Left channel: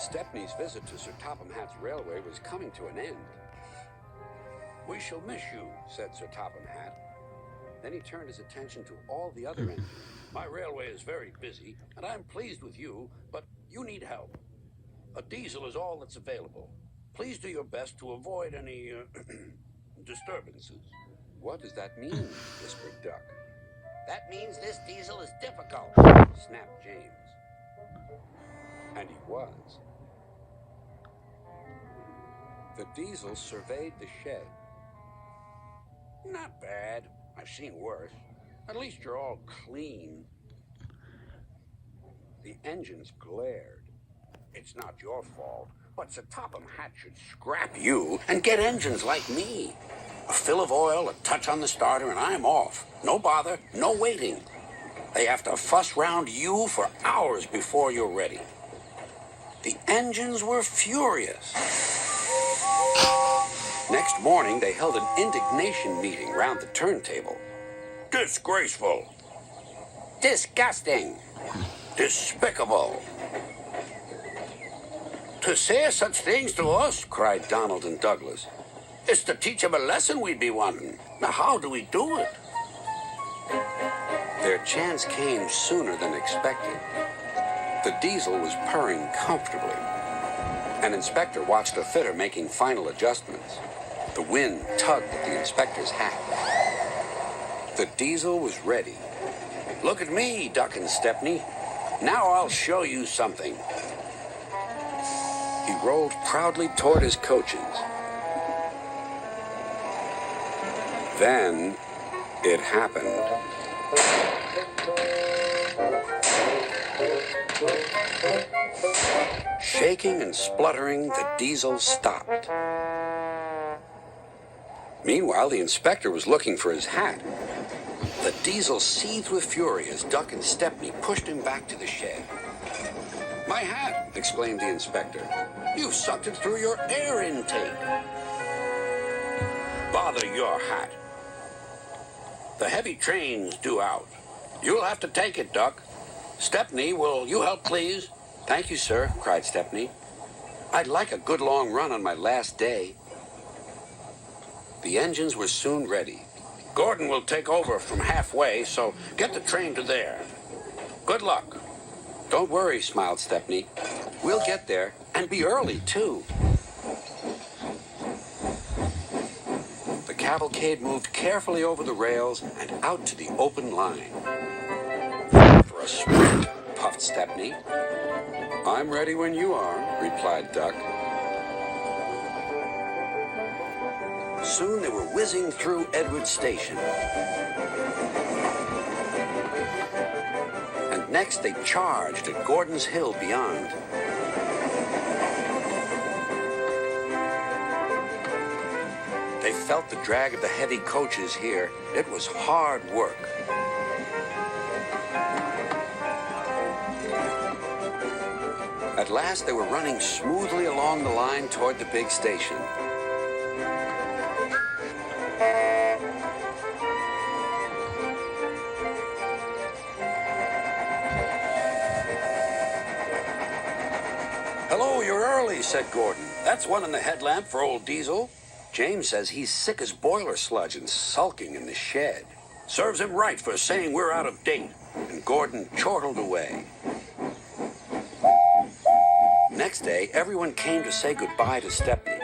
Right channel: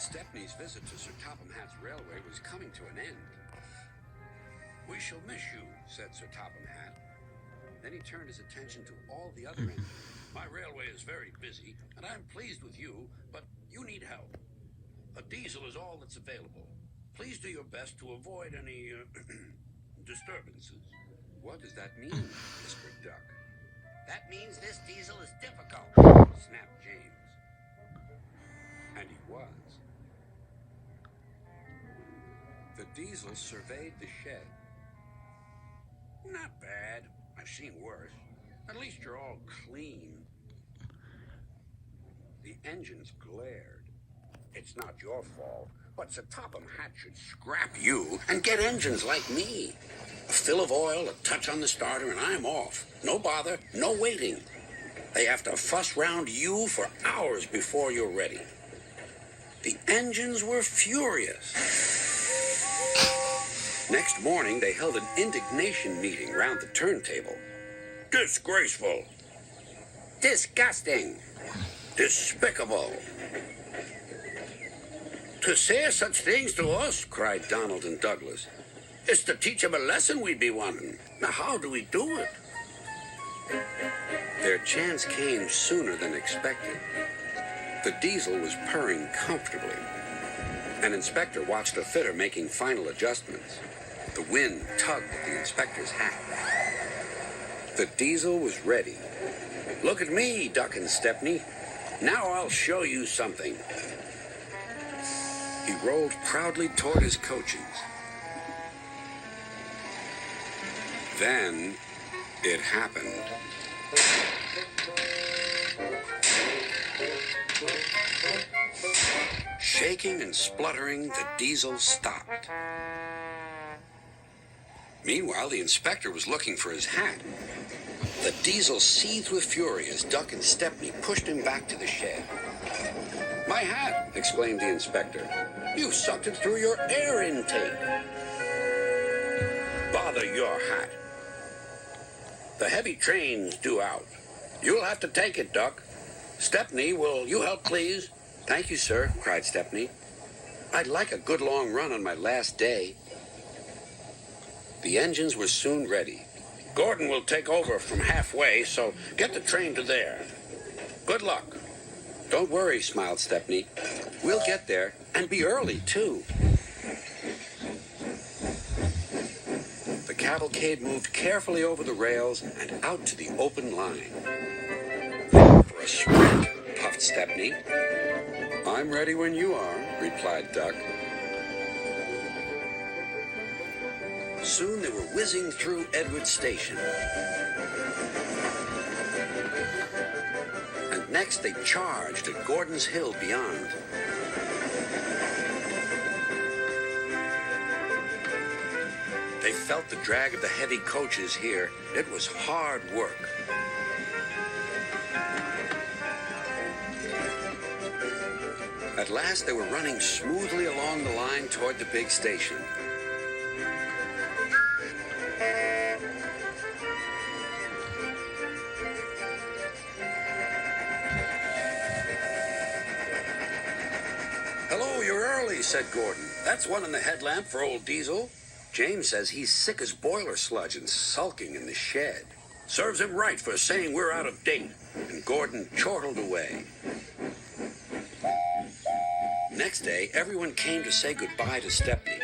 Stepney's visit to Sir Topham Hatt's railway was coming to an end. "We shall miss you," said Sir Topham Hatt. Then he turned his attention to all the other engines. "My railway is very busy, and I am pleased with you, but you need help. A diesel is all that's available. Please do your best to avoid any disturbances." "What does that mean?" whispered Duck. "That means this diesel is difficult," snapped James. And he was. The diesel surveyed the shed. "Not bad. I've seen worse. At least you're all clean." The engines glared. "It's not your fault, but Sir Topham Hatt should scrap you and get engines like me. A fill of oil, a touch on the starter, and I'm off. No bother, no waiting. They have to fuss round you for hours before you're ready." The engines were furious. Next morning, they held an indignation meeting round the turntable. "Disgraceful. Disgusting. Despicable. To say such things to us," cried Donald and Douglas, "is to teach them a lesson we'd be wanting. Now, how do we do it?" Their chance came sooner than expected. The diesel was purring comfortably. An inspector watched a fitter making final adjustments. The wind tugged at the inspector's hat. The diesel was ready. "Look at me, Duck and Stepney. Now I'll show you something." He rolled proudly toward his coachings. Then it happened. Shaking and spluttering, the diesel stopped. Meanwhile, the inspector was looking for his hat. The diesel seethed with fury as Duck and Stepney pushed him back to the shed. "My hat!" exclaimed the inspector. "You sucked it through your air intake." "Bother your hat. The heavy train's due out. You'll have to take it, Duck. Stepney, will you help, please?" "Thank you, sir," cried Stepney. "I'd like a good long run on my last day." The engines were soon ready. "Gordon will take over from halfway, so get the train to there. Good luck." "Don't worry," smiled Stepney. "We'll get there, and be early, too." The cavalcade moved carefully over the rails and out to the open line. "For a sprint," puffed Stepney. "I'm ready when you are," replied Duck. Soon they were whizzing through Edward Station. And next they charged at Gordon's Hill beyond. They felt the drag of the heavy coaches here. It was hard work. At last they were running smoothly along the line toward the big station. "Hello, you're early," said Gordon. "That's one in the headlamp for old Diesel. James says he's sick as boiler sludge and sulking in the shed. Serves him right for saying we're out of date." And Gordon chortled away. Next day, everyone came to say goodbye to Stepney.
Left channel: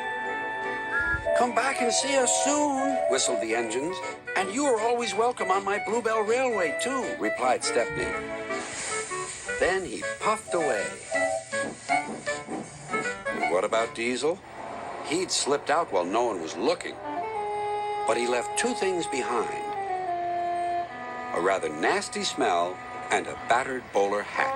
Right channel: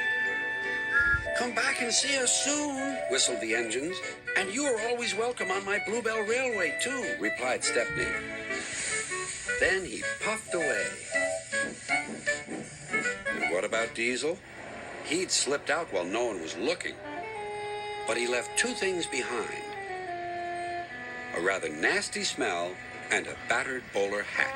"Come back and see us soon," whistled the engines. "And you are always welcome on my Bluebell Railway, too," replied Stepney. Then he puffed away. And what about Diesel? He'd slipped out while no one was looking. But he left two things behind: a rather nasty smell and a battered bowler hat.